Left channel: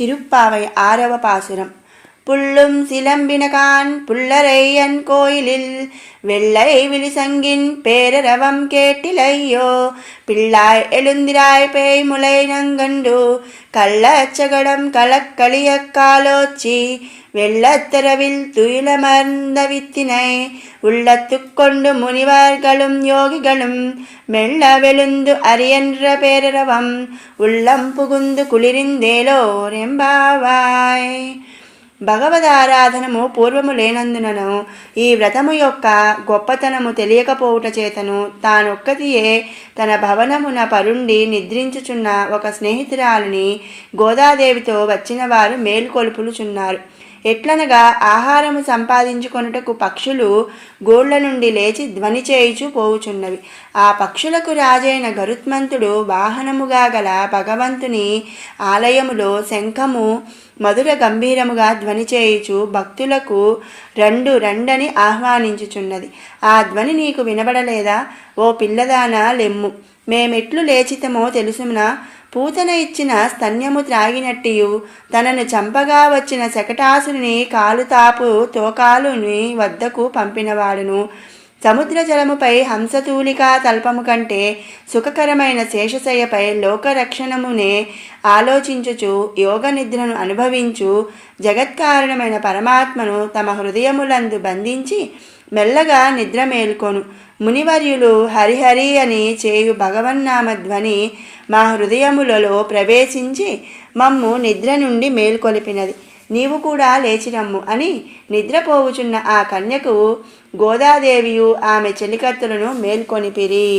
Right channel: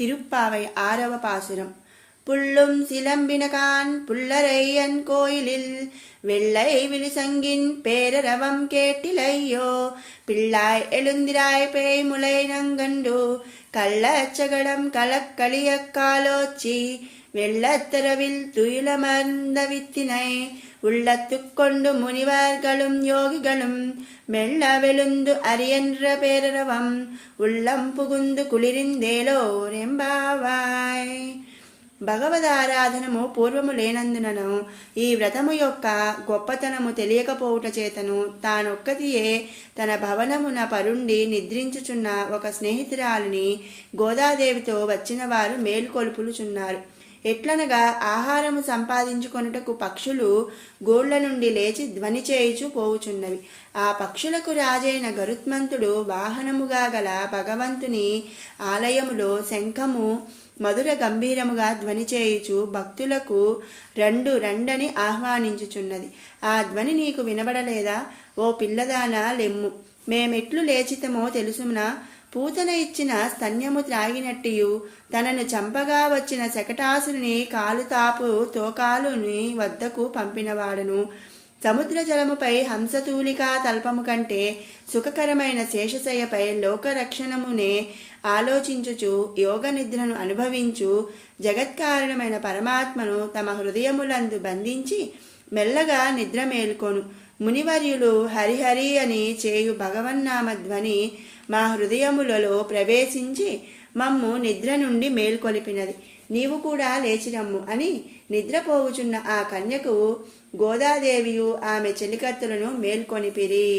திருப்பாவை 6వ பாசுரம். புள்ளும் சிலம்பினகான் புள்ளரையன் கோயிலில் வெள்ளை விழிசங்கின் பேரரவம் கேட்டிலையோ பிள்ளாய் எழுந்திராய் பேய் முளை நங்கண்டு கள்ளச்சகடம் கலக்களிய காலோச்சி வெள்ளத்தரவில் துயிலமர்ந்த வித்தினை உள்ளத்துக்கொண்டு முனிவர்களும் யோகிகளும் மெல்ல வெளுந்து அரியன்ற பேரரவம் உள்ளம் புகுந்து కులిరిందేలోరెంబావాయ్. భగవదారాధనము పూర్వము లేనందునను ఈ వ్రతము యొక్క గొప్పతనము తెలియకపోవుట చేతను తానొక్కతియే తన భవనమున పరుండి నిద్రించుచున్న ఒక స్నేహితురాలిని గోదాదేవితో వచ్చిన వారు మేలుకొలుపులుచున్నారు. ఎట్లనగా ఆహారము సంపాదించుకొనుటకు పక్షులు గోళ్ల నుండి లేచి ధ్వని చేయుచు పోవుచున్నవి. ఆ పక్షులకు రాజైన గరుత్మంతుడు వాహనముగా గల భగవంతుని ఆలయములో శంఖము మధుర గంభీరముగా ధ్వని చేయుచు భక్తులకు రండని ఆహ్వానించుచున్నది. ఆ ధ్వని నీకు వినబడలేదా? ఓ పిల్లదానా లెమ్ము, మేమెట్లు లేచితమో తెలుసునా? పూతన ఇచ్చిన స్తన్యము త్రాగినట్టియు తనను చంపగా వచ్చిన శకటాసుని కాలుతాపు తోకాలుని వద్దకు పంపినవాడును. సముద్ర జలముపై హంసతూలికా తల్పము కంటే సుఖకరమైన శేషశయ్యపై లోకరక్షణమునే ఆలోచించుచు యోగ నిద్రను అనుభవించు జగత్కారణమైన పరమాత్మను తమ హృదయములందు బంధించి మెల్లగా నిద్ర మేల్కొను. మునివర్యులు హరిహరి అని చేయు భగవన్నామ ధ్వని మా హృదయములలో ప్రవేశించి మమ్ము నిద్ర నుండి మేల్కొలిపినది. నీవు కూడా లేచిరమ్ము అని నిద్రపోవుచున్న ఆ కన్యకు గోదాదేవియు ఆమె చెలికత్తెలను మేల్కొనిపిరి.